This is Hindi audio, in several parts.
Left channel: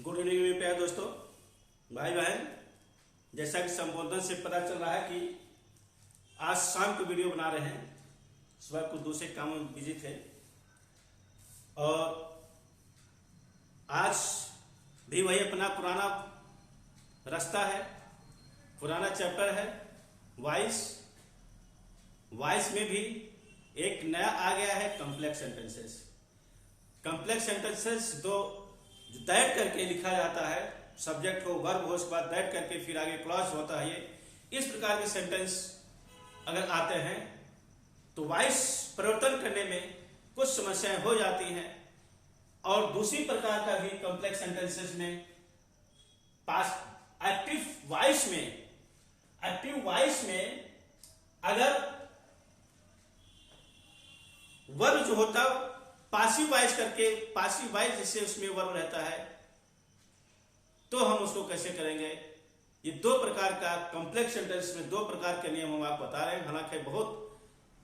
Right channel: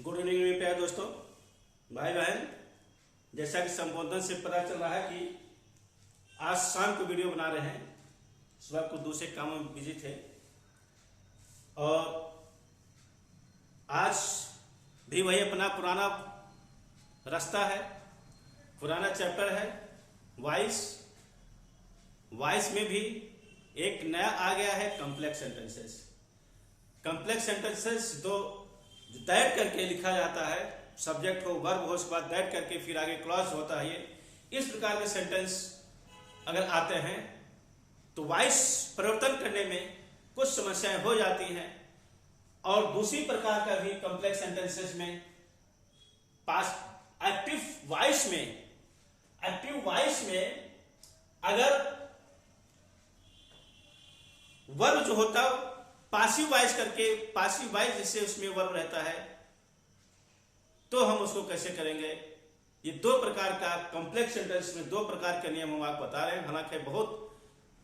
गुड इवनिंग मेरे प्यारे दोस्तों, भाई बहन। जैसा कि संबोधन से पता चल रहा है कि आज शाम को वीडियो बना रहे हैं। सुबह कुछ दूसरे कामों में बिजी थे और आज भी वही अपना पुराना रास्ता है, पुराना चैप्टर है वॉइस में भी एक नया आ गया है कॉम्प्लेक्स सेंटेंसेस। कॉम्प्लेक्स सेंटेंसेस जो दैट करके लिखा जाता है, सब्जेक्ट हो वर्ब हो, उसके बाद दैट करके फिर आगे क्लॉज होता है। ये इस प्रकार के सेंटेंस अगर आते हैं तो वॉइस परिवर्तन करने में कुछ समस्याएं हो जाती हैं। और दूसरी प्रकार का भी कॉम्प्लेक्स सेंटेंसेस में पास्ट एक्टिव वॉइस में अगर वर्ब जो होता है पासिव वॉइस करके, पासिव वॉइस जिससे उसमें वर्ब रहता है, तो हम उसको कैसे करेंगे। ये दो प्रकार का कॉम्प्लेक्स सेंटेंस में दो प्रकार के नियम हम आपको बता रहे हैं, हालांकि बहुत,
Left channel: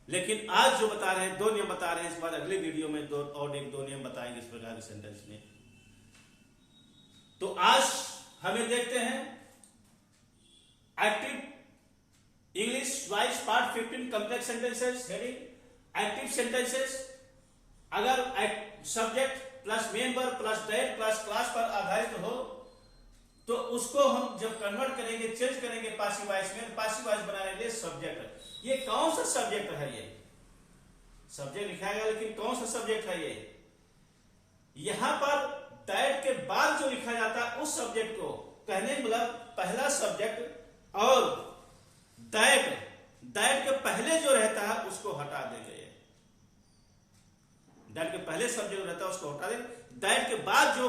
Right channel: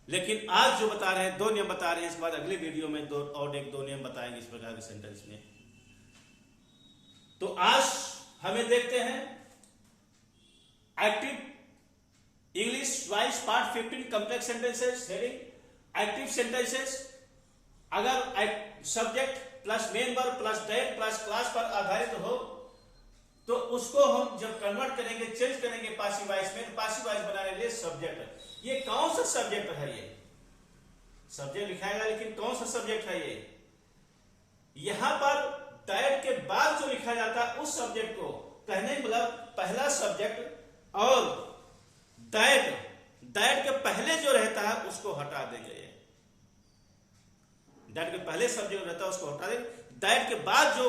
लेकिन आज जो बता रहे हैं दो नियम बता रहे हैं। इसके बाद अगले वीडियो में दो नियम बताएंगे इस प्रकार के सेंटेंस में। तो आज हमें देखते हैं active English voice part 15 complex sentences. Heading active sentences अगर subject plus main verb plus that plus clause पर आधारित हो तो उसको हम जब कन्वर्ट करेंगे, चेंज करेंगे पासिव वॉइस में, पासिव वॉइस बनाने के लिए सब्जेक्ट। ये कौन सा सब्जेक्ट है? ये सब्जेक्ट लिखाएगा, लेकिन कौन सा सब्जेक्ट है? ये यहां पर दैट के बाद जो लिखा जाता है उस सब्जेक्ट को कहने मतलब पहला सब्जेक्ट, और दैट के पहले जो रहता है उसको हटा देंगे। दैट के पहले सब्जेक्ट रहता है उसको हटा देंगे। दैट के बाद जो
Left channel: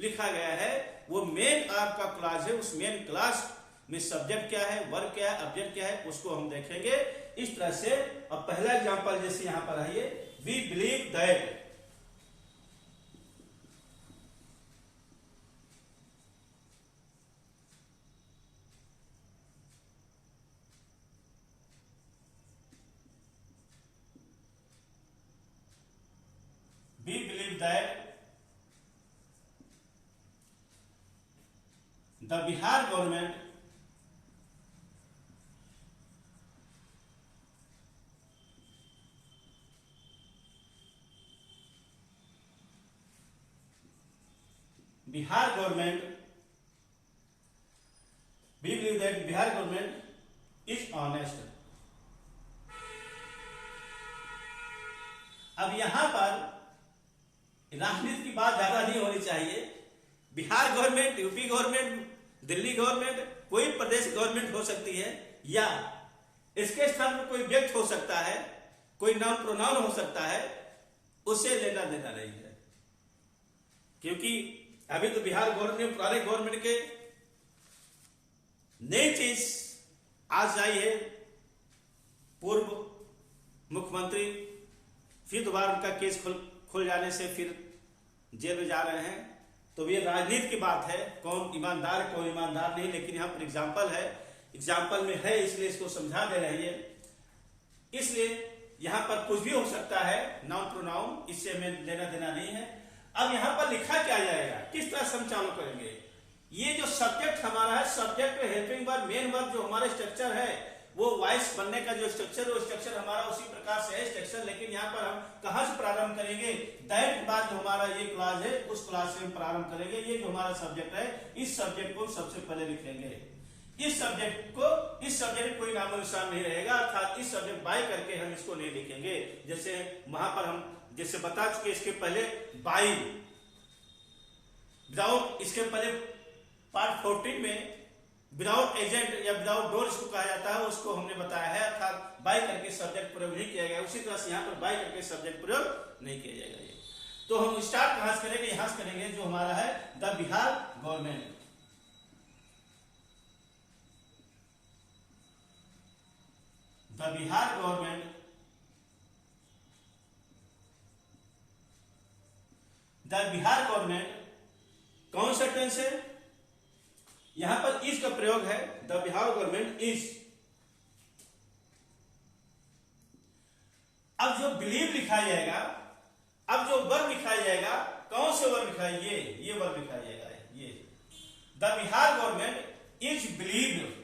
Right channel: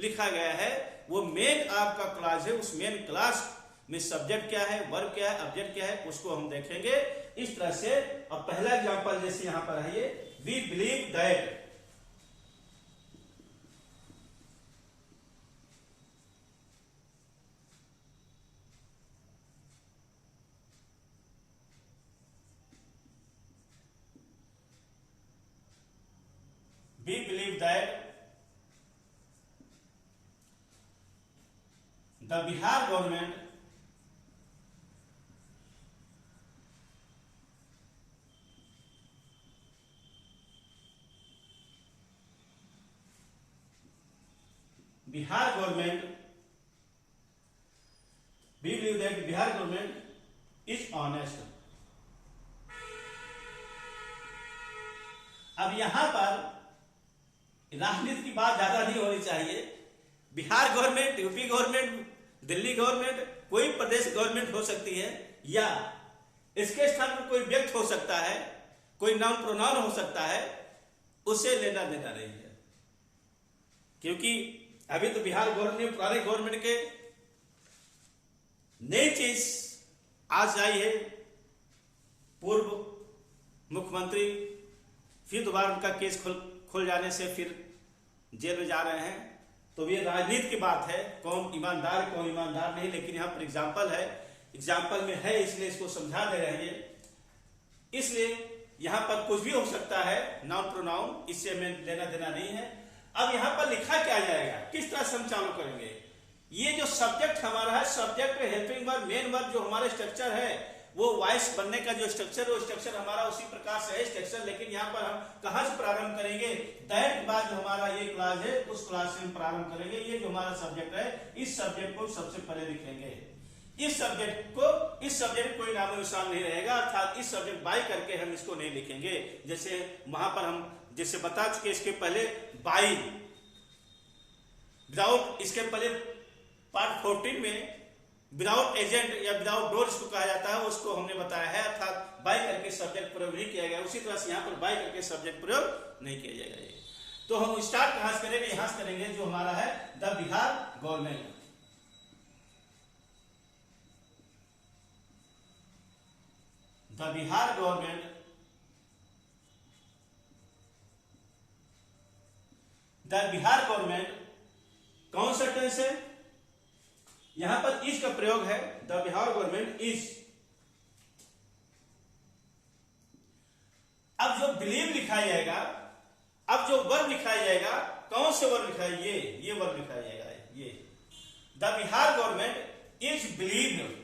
लिखा गया है वो मेन आपका क्लास है। उस मेन क्लास में सब्जेक्ट क्या है, वर्ब क्या है, ऑब्जेक्ट क्या है, उसको हम देखेंगे इस तरह से। अब पहला एग्जांपल जैसे यहां पर है, we believe that. We believe that the Bihar government we believe that Bihar government is honest। अब यहां पर राजनीति की बात ज्यादा नहीं होनी चाहिए। Bihar government, UP government, Delhi government, कोई प्रदेश गवर्नमेंट हो सकती है, या इसके स्थान पर कोई व्यक्ति हो सकता है, कोई नाउन प्रोनाउन हो सकता है, उससे लेना देना नहीं है। क्योंकि अभी तो बिहार गवर्नमेंट, पुराने गवर्नमेंट के नई चीज आज आई है। पूर्व मुख्यमंत्री फिर दोबारा उनका केस खुल जाने से फिर जेल में जा रहे हैं। तो ये राजनीति की बात है, कौन ईमानदार है कौन ईमानदार नहीं। लेकिन यहां पर एग्जाम्पल है, एग्जाम्पल में है इसलिए इसको समझा दे रहे हैं। इसलिए यहां पर कुछ भी हो सकता है, नाउन प्रोनाउन, इससे हमें लेना देना नहीं है। अब यहां पर लिखा क्या जाएगा, किस तरह से हम चालू करेंगे। ये जो सब्जेक्ट हमारा है, subject helping verb, main verb, जो हमारा स्ट्रक्चर है, वो वॉइस बनने का जो स्ट्रक्चर है, वो स्ट्रक्चर हमारा उसी प्रकार से है स्ट्रक्चर। लेकिन यहाँ पर हम कहां से प्रारंभ करेंगे? दैट के बाद जो हमारा ये क्लास है उस क्लास से हम प्रारंभ करेंगे। ये जो हमारा सब्जेक्ट है, इस सब्जेक्ट को सबसे पहले लिखेंगे। इस सब्जेक्ट कोई नामो निशान नहीं रहेगा, अर्थात इस सब्जेक्ट बाय करके हम इसको नहीं लिखेंगे। जैसे वहां पर हम जैसे बता चुके, इसके पहले बाई विदाउट, इसके पहले पार्ट 14 में विदाउट एजेंट या विदाउट डोर इसको कहा जाता है, उसको हमने बताया है। अर्थात बाय करके सब्जेक्ट प्रयोग नहीं किया गया। उसी तरह से यहां पर बाय करके सब्जेक्ट प्रयोग नहीं किया जाएगा। तो हम स्टार्ट कहां से करेंगे? यहां से करेंगे जो हमारा है the Bihar government. The Bihar government, the Bihar government कौन सा टेंस है? यहां पर इज का प्रयोग है। The Bihar government is. अब जो बिलीव लिखा जाएगा, अब जो वर्ब लिखा जाएगा, कौन से वर्ब लिखा है? ये वर्ब लिखा जाएगा। ये the Bihar government is believed,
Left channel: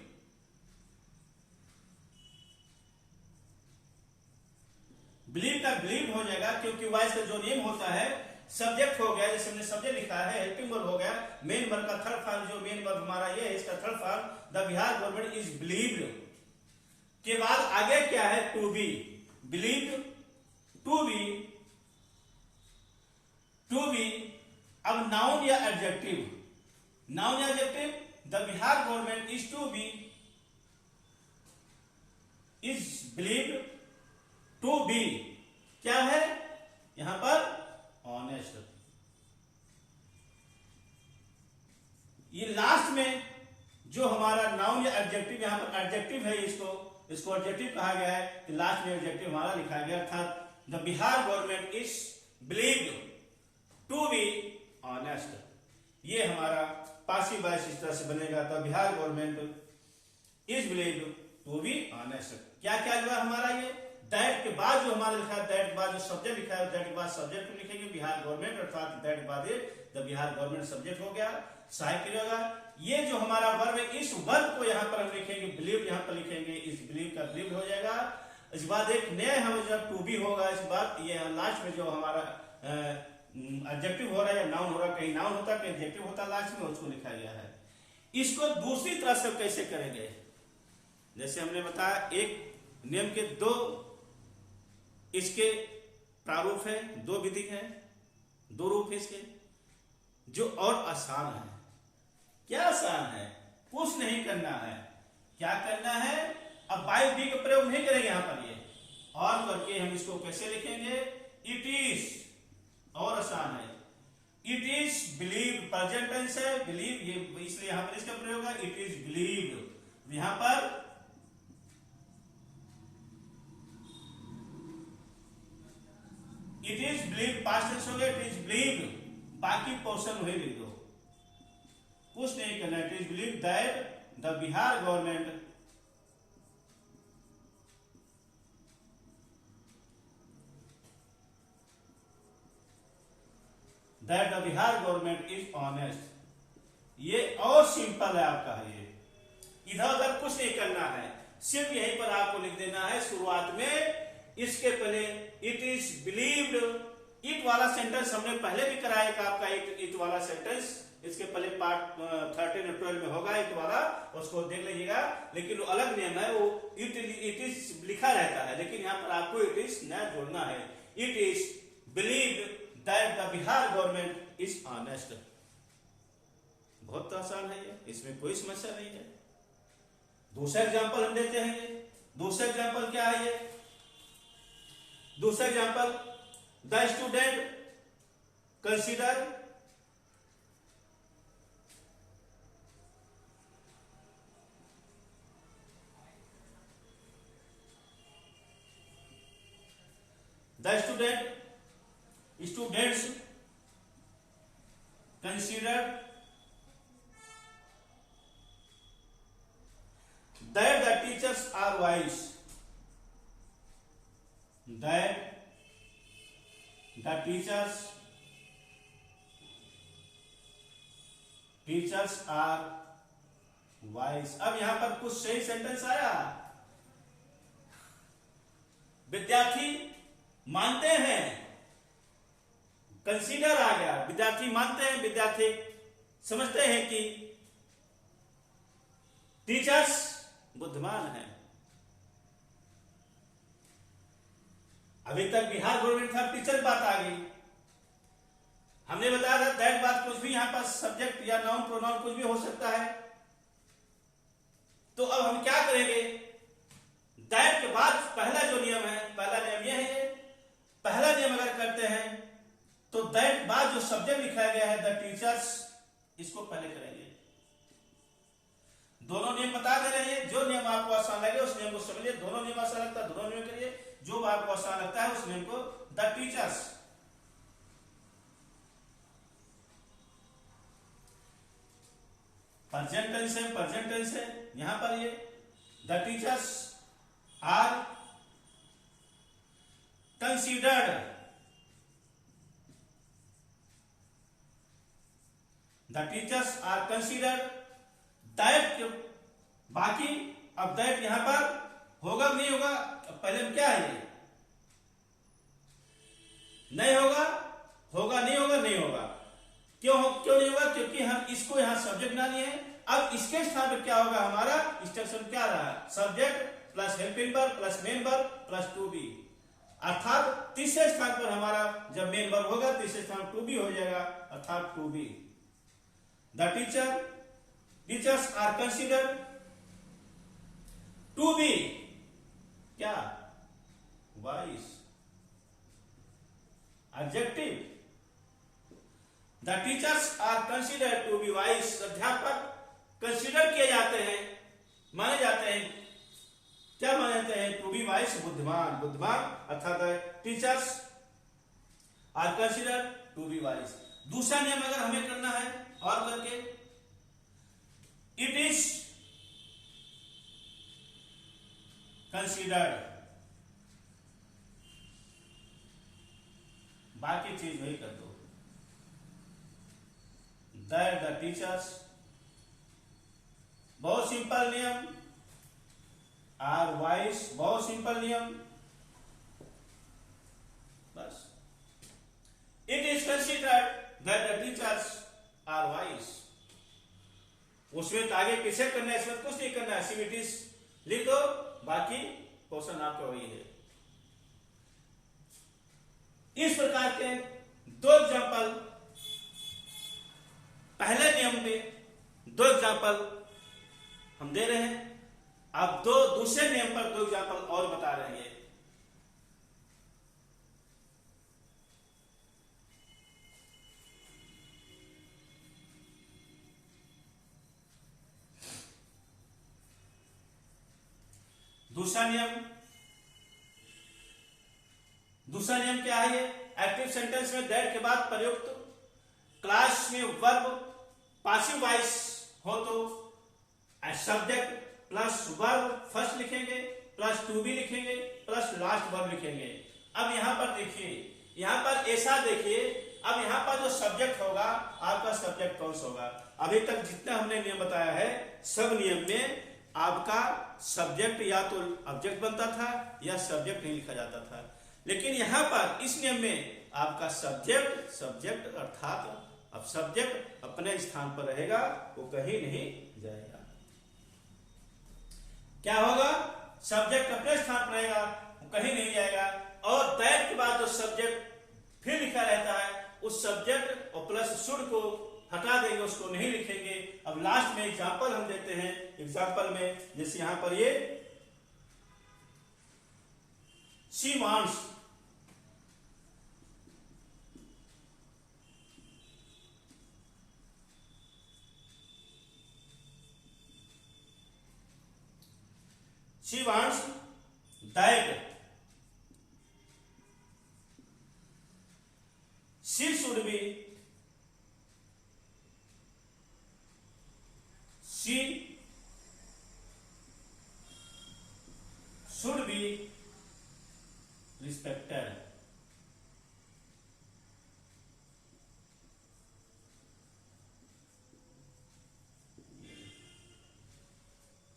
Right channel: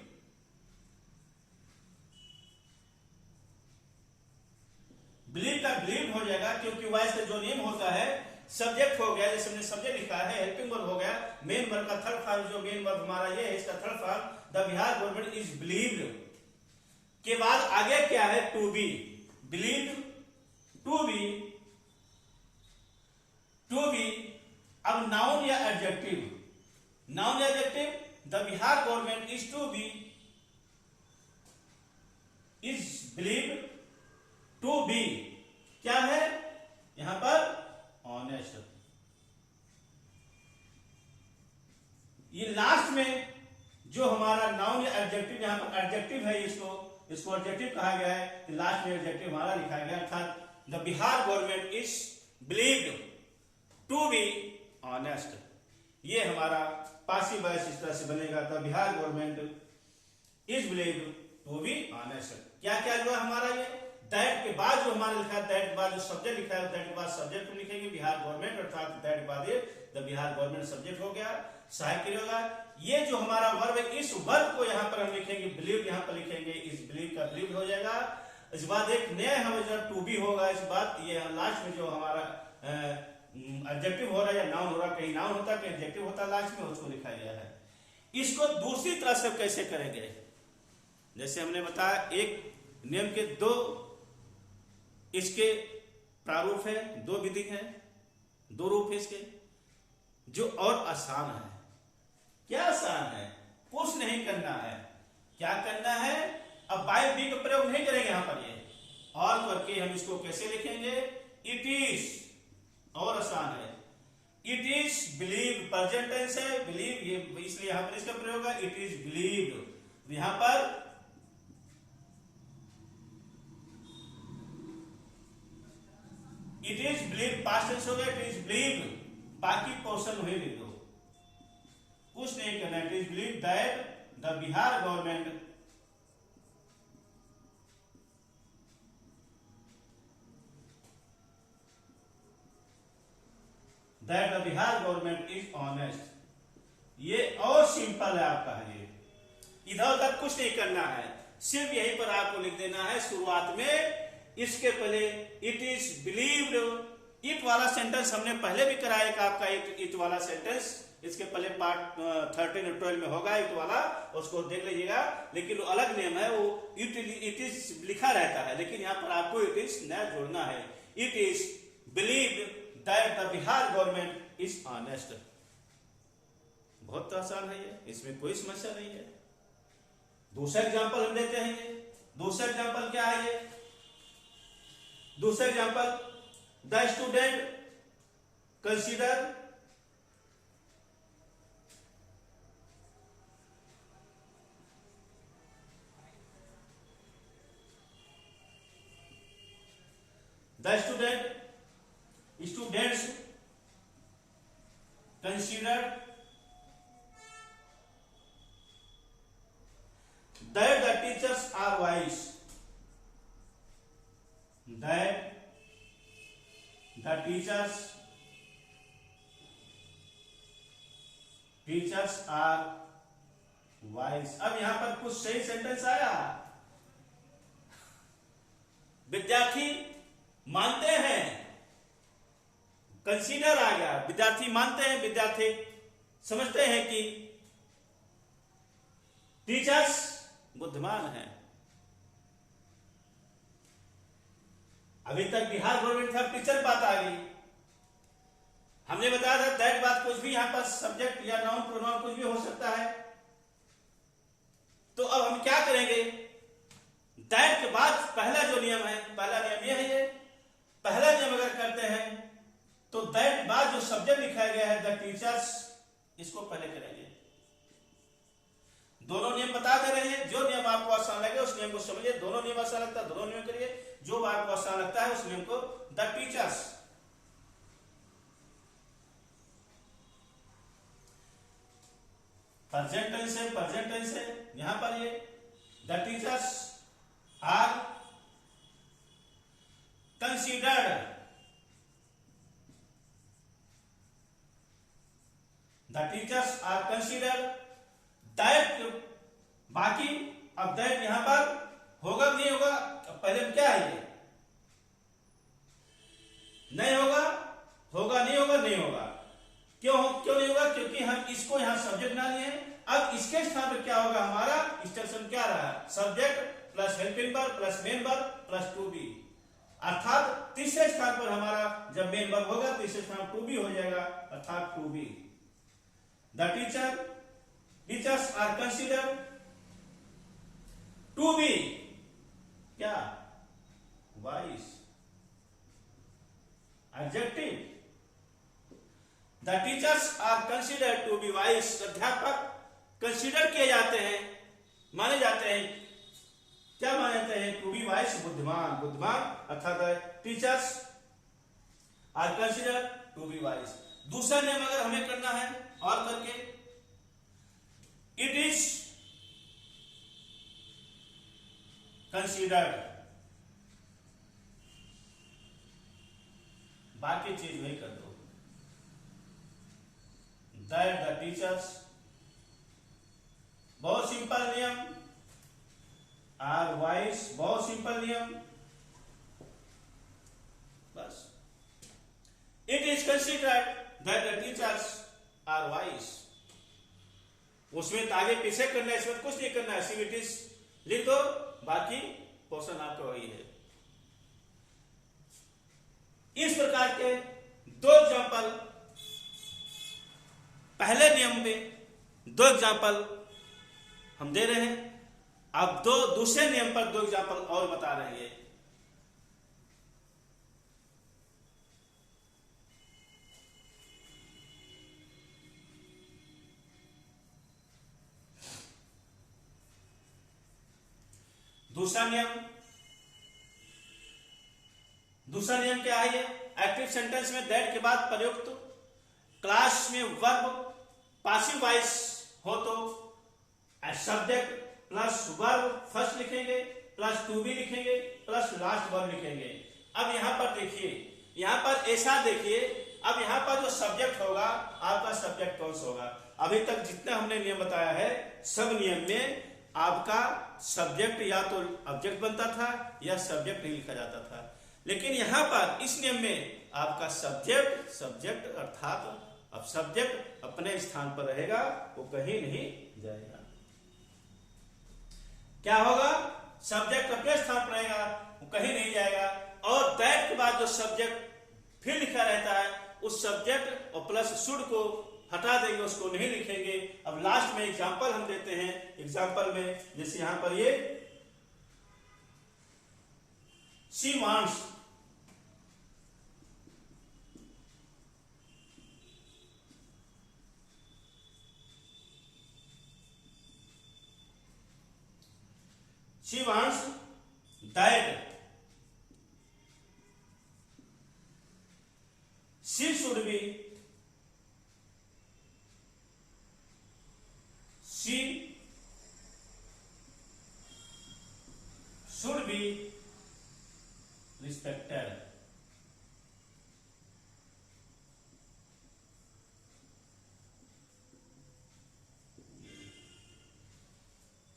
believe का बिलीव हो जाएगा, क्योंकि वैसे जो नियम होता है सब्जेक्ट हो गया, जैसे हमने सब्जेक्ट लिखा है, हेल्पिंग वर्ब हो गया, मेन वर्ब का थर्ड फॉर्म, जो मेन वर्ब हमारा ये है इसका third form the Bihar government is believed के बाद आगे क्या है, to be, believed to be, to be. अब नाउन या एडजेक्टिव, नाउन या adjective, the Bihar government is to be, is believed to be क्या है यहां पर, ऑनेस्ट। ये लास्ट में जो हमारा नाउन या एडजेक्टिव, यहां पर एडजेक्टिव है, इसको एडजेक्टिव कहा गया है, कि लास्ट में एडजेक्टिव हमारा लिखा गया, अर्थात the Bihar government is believed to be honest. ये हमारा पासिव वॉइस इस तरह से बनेगा, the Bihar government is believed to be honest. क्या क्या हुआ हमारा, ये दैट के बाद जो हमारा लिखा है, दैट के बाद जो सब्जेक्ट लिखा है, दैट के बाद सब्जेक्ट को लिखेंगे बिहार गवर्नमेंट, अर्थात दैट के बाद द बिहार गवर्नमेंट सब्जेक्ट हो गया, सहायक क्रिया होगा। ये जो हमारा वर्ब है, इस वर्ब को यहाँ पर हम लिखेंगे बिलीव, यहाँ पर लिखेंगे इस बिलीव का बिलीव हो जाएगा। इस बाद एक नया हमें टू बी होगा, इस बात ये लास्ट में जो हमारा एडजेक्टिव हो रहा है या नाउन हो रहा है, कहीं नाउन होता है कहीं एडजेक्टिव होता है, लास्ट में उसको लिखा गया है। इसको दूसरी तरह से कैसे करेंगे, जैसे हमने बताया एक नियम के दो इसके प्रारूप है, दो विधि है, दो रूप है इसके, जो और आसान है। क्या आसान है, कुछ नहीं करना है, क्या करना है, अब बाई बी का प्रयोग नहीं करेंगे यहां पर, ये और करके हम इसको कैसे लिखेंगे, इट इज, और आसान है, it is believe, present tense है, बिलीव ये इसलिए यहां पर इसका प्रयोग है, इट इज बिलीव। यहां पर it is believe past tense हो गया, इट इज बिलीव, बाकी पोर्शन वही लिख दो, कुछ नहीं करना, it is believe that the Bihar government that the Bihar government is honest. ये और सिंपल है आपका, ये इधर उधर कुछ नहीं करना है, सिर्फ यहीं पर आपको लिख देना है शुरुआत में, इसके पहले इट इज बिलीव्ड, इट वाला सेंटेंस हमने पहले भी कराया एक आपका इट वाला सेंटेंस, इसके पहले पार्ट 13 और 12 में होगा इट वाला, उसको देख लीजिएगा, लेकिन वो अलग नियम है, वो इट इज लिखा रहता है, लेकिन यहाँ पर आपको इट इज नया जोड़ना है, it is believed that the Bihar government is honest. बहुत आसान है ये, इसमें कोई समस्या नहीं है। दूसरा एग्जाम्पल हम देते हैं, ये दूसरा एग्जाम्पल क्या है, ये दूसरा example, the student consider the students consider that the teachers are wise, that the teachers are wise। अब यहां पर कुछ सही सेंटेंस आया, विद्यार्थी मानते हैं, कंसीडर आ गया, विद्यार्थी मानते हैं, विद्यार्थी समझते हैं कि टीचर्स बुद्धिमान हैं। अभी तक बिहार गवर्नमेंट था, टीचर बात आ गई, हमने बताया था दैट बात कुछ भी यहां पर सब्जेक्ट या नाउन प्रोनाउन कुछ भी हो सकता है। तो अब हम क्या करेंगे, दैट के बाद पहला जो नियम है, पहला नियम यह है, पहला नियम अगर करते हैं तो दैट बाद जो सब्जेक्ट लिखा गया है द टीचर्स, इसको पहले कराइए। दोनों नियम बता दे रहे हैं, जो नियम आपको आसान लगे उस नियम को समझिए, दोनों नियम आसान लगता है दोनों नियम करिए, जो आपको आसान लगता है उस नियम को, द टीचर्स प्रेजेंट टेंस है, यहां पर ये the teachers are considered the teachers are consider that, बाकी अब दैट यहां पर होगा नहीं होगा, पहले क्या है ये, नहीं होगा, होगा नहीं होगा, नहीं होगा, क्यों नहीं होगा, क्योंकि हम इसको यहां सब्जेक्ट ना लिए हैं। अब इसके स्थान पर क्या होगा, हमारा इंस्ट्रक्शन क्या रहा, subject plus helping verb plus main verb plus to be, अर्थात तीसरे स्थान पर हमारा जब मेन वर्ब होगा तीसरे स्थान टू बी हो जाएगा, अर्थात to be. The teachers are consider to be क्या, wise, adjective. The teachers are consider to be wise, अध्यापक कंसीडर किए जाते हैं, माने जाते हैं, क्या माने जाते हैं, टू बी वाइस, बुद्धिमान, बुद्धिमान, अर्थात teachers are consider to be wise. दूसरा नियम अगर हमें करना है और करके, इट इज कंसीडर्ड, बाकी चीज वही कर दो, दैट द टीचर्स, बहुत सिंपल नियम, आर वाइस, बहुत सिंपल नियम, बस। It is considered that the teachers are wise, उसमें तो आगे पीछे करना है, इसमें कुछ नहीं करना है, सिर्फ इट इज लिख दो, बाकी पोर्शन आपका वही है। इस प्रकार के दो एग्जाम्पल, पहले नियम में दो एग्जाम्पल हम दे रहे हैं, अब दूसरे नियम पर दो एग्जाम्पल और बता रहे हैं। दूसरा नियम क्या है, ये एक्टिव सेंटेंस में दैट के बाद प्रयुक्त क्लास में वर्ब पासिव वॉइस हो तो सब्जेक्ट प्लस वर्ब फर्स्ट लिखेंगे प्लस टू बी लिखेंगे प्लस लास्ट वर्ब लिखेंगे। अब यहां पर देखिए, यहां पर ऐसा देखिए, अब यहां पर जो सब्जेक्ट होगा आपका सब्जेक्ट कौन सा होगा। अभी तक जितना हमने नियम बताया है सब नियम में आपका सब्जेक्ट या तो ऑब्जेक्ट बनता था या सब्जेक्ट नहीं लिखा जाता था, लेकिन यहां पर इस नियम में आपका सब्जेक्ट अर्थात अब सब्जेक्ट अपने स्थान पर रहेगा, वो कहीं नहीं जाएगा। क्या होगा, सब्जेक्ट अपने स्थान पर रहेगा, वो कहीं नहीं जाएगा, और दैट के बाद जो सब्जेक्ट फिर लिखा रहता है उस सब्जेक्ट और प्लस शुड को हटा देंगे, उसको नहीं लिखेंगे। अब लास्ट में एग्जाम्पल हम देते हैं, एग्जाम्पल में जैसे यहां पर ये she wants, she wants that she should be respected.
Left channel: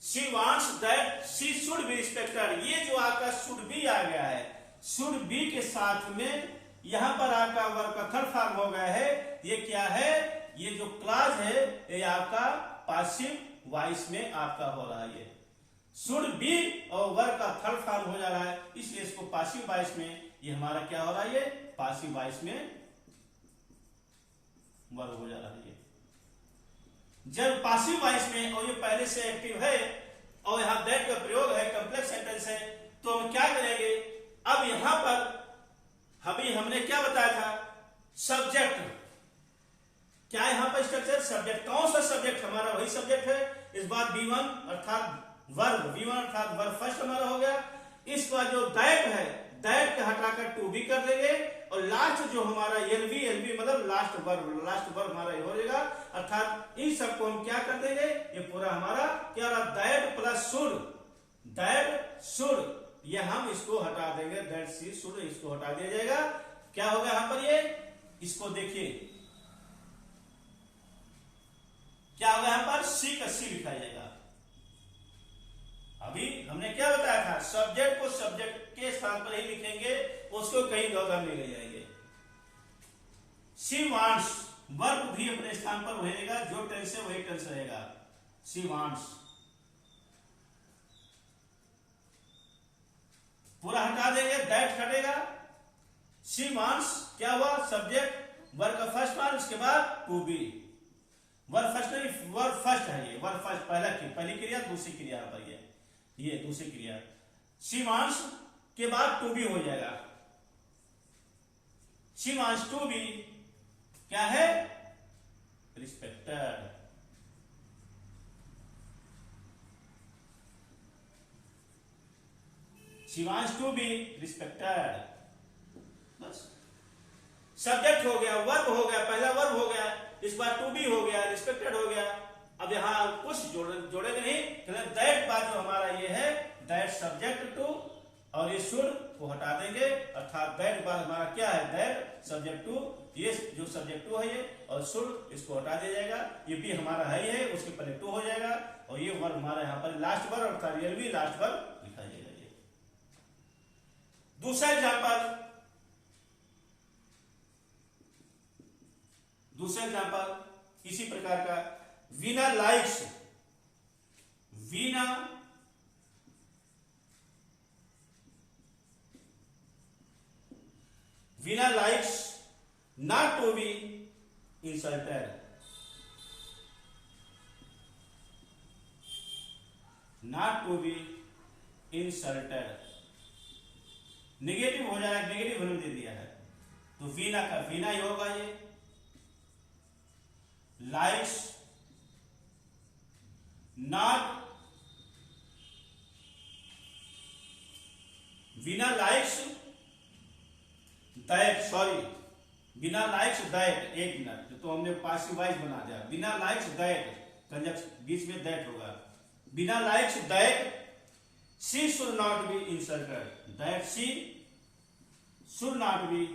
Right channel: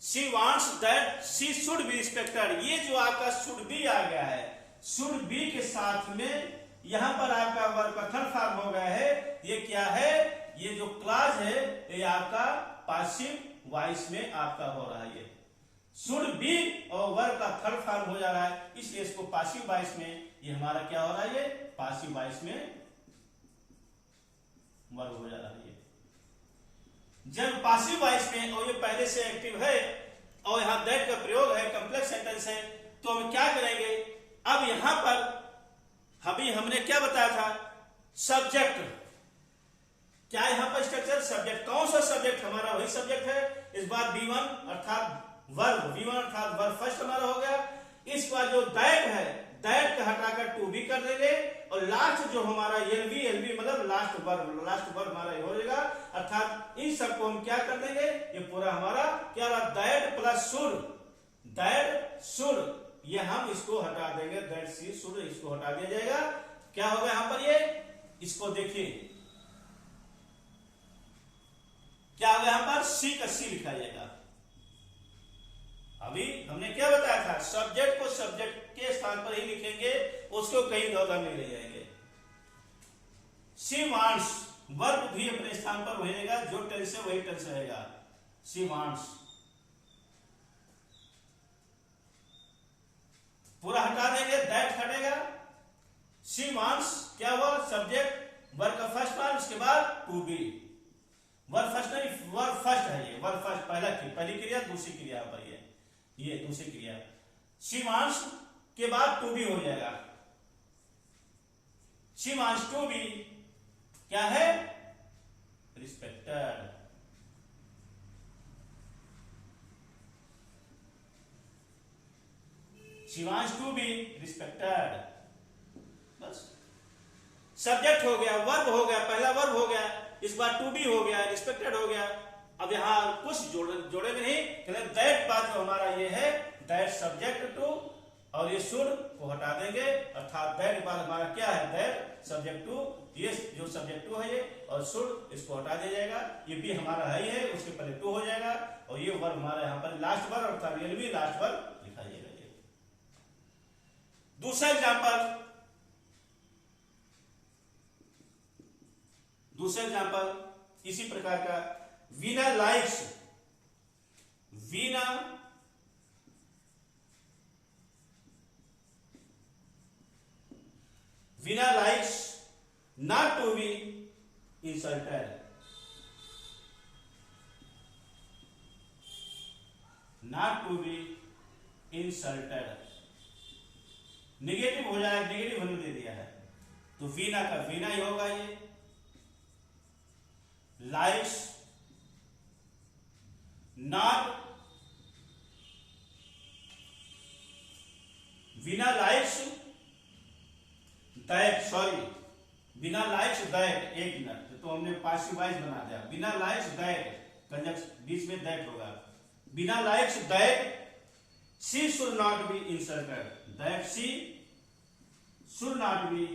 She wants that she should be respected. ये जो आपका should be आ गया है, should be के साथ में यहां पर आपका वर्ब का थर्ड फॉर्म हो गया है। ये क्या है, ये जो क्लास है ये आपका पासिव वॉइस में आपका हो रहा है। ये शुड बी और वर्ब का थर्ड फॉर्म हो जा रहा है, इसलिए इसको पासिव वॉइस में ये हमारा क्या हो रहा है, ये पासिव वॉइस में वर्ब हो जा रहा है। ये जब पासिव वॉइस में और ये पहले से एक्टिव है और यहां दैट का प्रयोग है, कॉम्प्लेक्स सेंटेंस है, तो हम क्या करेंगे, अब यहां पर अभी हमने क्या बताया था, सब्जेक्ट, क्या यहां पर स्ट्रक्चर सब्जेक्ट, कौन सा सब्जेक्ट, हमारा वही सब्जेक्ट है। इस बार B1 अर्थात वर्ब, B1 अर्थात वर्ब फर्स्ट हमारा हो गया। इसके बाद जो दैट है, दैट का हटाकर टू बी कर देंगे और लास्ट जो हमारा एलबी मतलब लास्ट वर्ब हमारा हो जाएगा। अर्थात इन सबको हम क्या कर देंगे, ये पूरा हमारा क्या रहा, दैट प्लस शुड, ये हम इसको हटा देंगे, दैट सी शुड, इसको हटा दिया जाएगा। क्या होगा यहां पर, ये इसको देखिए, क्या होगा यहाँ पर सी का सी लिखा जाएगा। अभी हमने क्या बताया था, सब्जेक्ट को सब्जेक्ट के स्थान पर ही लिखेंगे, उसको कहीं इधर नहीं ले जाएंगे। सी वांट्स, वर्ब भी अपने स्थान पर वही रहेगा, जो टेंस है वही टेंस रहेगा। सी वांट्स पूरा हटा देंगे, दैट हटेगा। सी वांट्स क्या हुआ, सब्जेक्ट वर्ब का फर्स्ट पार्ट, उसके बाद टू बी। वर्ब फर्स्ट नहीं, वर्ब फर्स्ट है ये, वर्ब फर्स्ट पहली क्रिया, दूसरी क्रिया पर ये दूसरी क्रिया। शी वांट्स के बाद टू बी हो जाएगा। शी वांट्स टू बी क्या है, respected. She wants to be respected. बस सब्जेक्ट हो गया, वर्ब हो गया, पहला वर्ब हो गया, इस बार टू बी हो गया, रिस्पेक्टेड हो गया। अब यहां कुछ जोड़ेंगे नहीं, दैट बात जो हमारा ये है, दैट सब्जेक्ट टू, और ये शुड को हटा देंगे, अर्थात दैट बार हमारा क्या है, दैट सब्जेक्ट टू, ये जो सब्जेक्ट टू है ये, और शुड इसको हटा दिया जाएगा। ये भी हमारा है ही है, उसके पहले टू हो जाएगा, और ये वर्ब हमारा यहाँ पर लास्ट वर्ब, अर्थात रियल भी लास्ट वर्ब लिखा जाएगा। ये दूसरा एग्जाम्पल इसी प्रकार का, Veena likes, Veena likes not to be insulted. Not to be insulted negative हो जाए, निगेटिव वैल्यू दे दिया है, तो वीना का वीना ही होगा। ये likes not, Veena likes that, sorry बिना लाइक्स दैट, एक मिनट, तो हमने पासिव वॉइस बना दिया। बिना लाइक्स दैट, कंजक्शन बीच में दैट होगा। Veena likes that she should not be insulted, that she should not be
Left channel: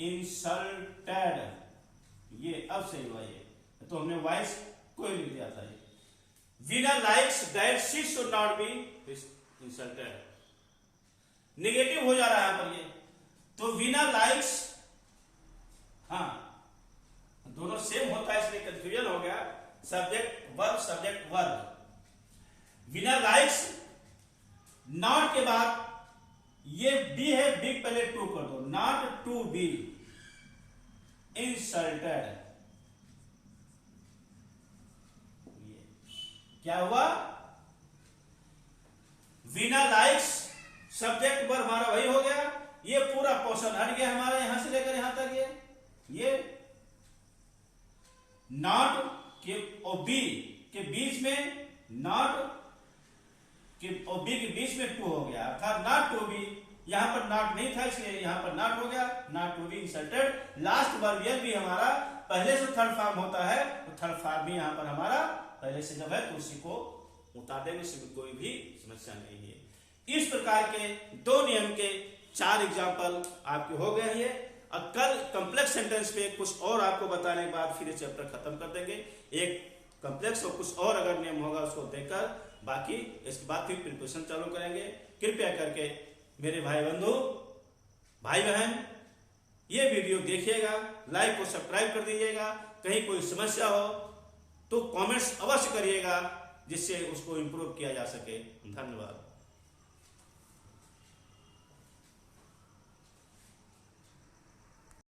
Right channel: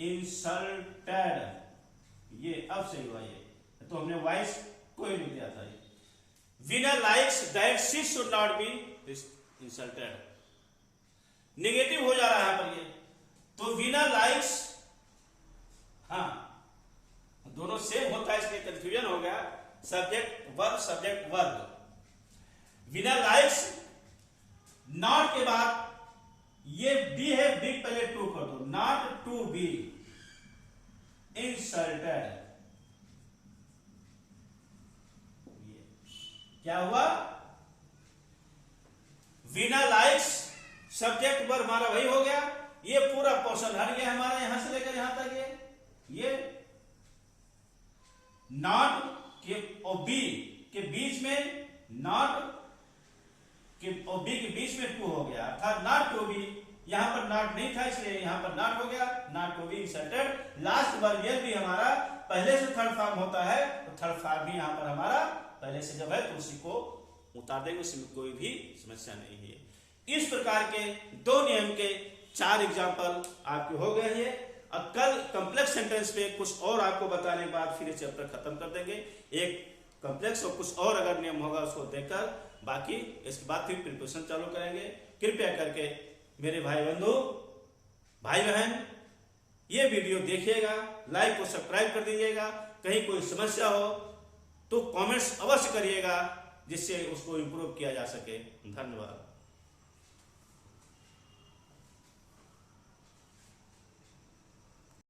insulted. ये अब सही हुआ, ये तो हमने वॉइस कोई नहीं दिया था। ये Veena likes that she should not be insulted, negative हो जा रहा है यहां पर ये, तो वीना लाइक्स, हाँ दोनों सेम होता है इसलिए कंफ्यूजन हो गया, subject verb. Veena likes not के बाद ये बी है, बी पहले टू कर दो, नॉट टू बी इंसल्टेड। क्या हुआ, वीना लाइक्स सब्जेक्ट वर्ब हमारा वही हो गया, ये पूरा पोर्शन हट गया हमारा यहां से लेकर यहां तक, ये नॉट के और बी के बीच में, नॉट के और बी के बीच में टू हो गया, अर्थात नॉट टू बी, यहां पर नॉट नहीं था इसलिए यहां पर नॉट हो गया, not to be insulted. Last verb यह भी हमारा पहले से थर्ड फॉर्म होता है, तो थर्ड फॉर्म भी यहां पर हमारा पहले से जब है तो उसी को उतार देंगे, इसमें कोई भी समस्या नहीं है। इस प्रकार के दो नियम के 4 एग्जाम्पल आपके हो गए हैं। अब कल कॉम्प्लेक्स सेंटेंस पे कुछ और आपको बताने के बाद फिर चैप्टर खत्म कर देंगे। एक कॉम्प्लेक्स और कुछ और अगर नियम होगा उसको देकर बाकी इसके बाद फिर प्रिपरेशन चालू करेंगे। कृपया करके मेरे भाई बंधु भाई बहन ये वीडियो देखिएगा, लाइक को सब्सक्राइब कर दीजिएगा। कहीं कोई समस्या हो तो कमेंट्स अवश्य करिएगा, जिससे उसको इम्प्रूव किया जा सके। धन्यवाद।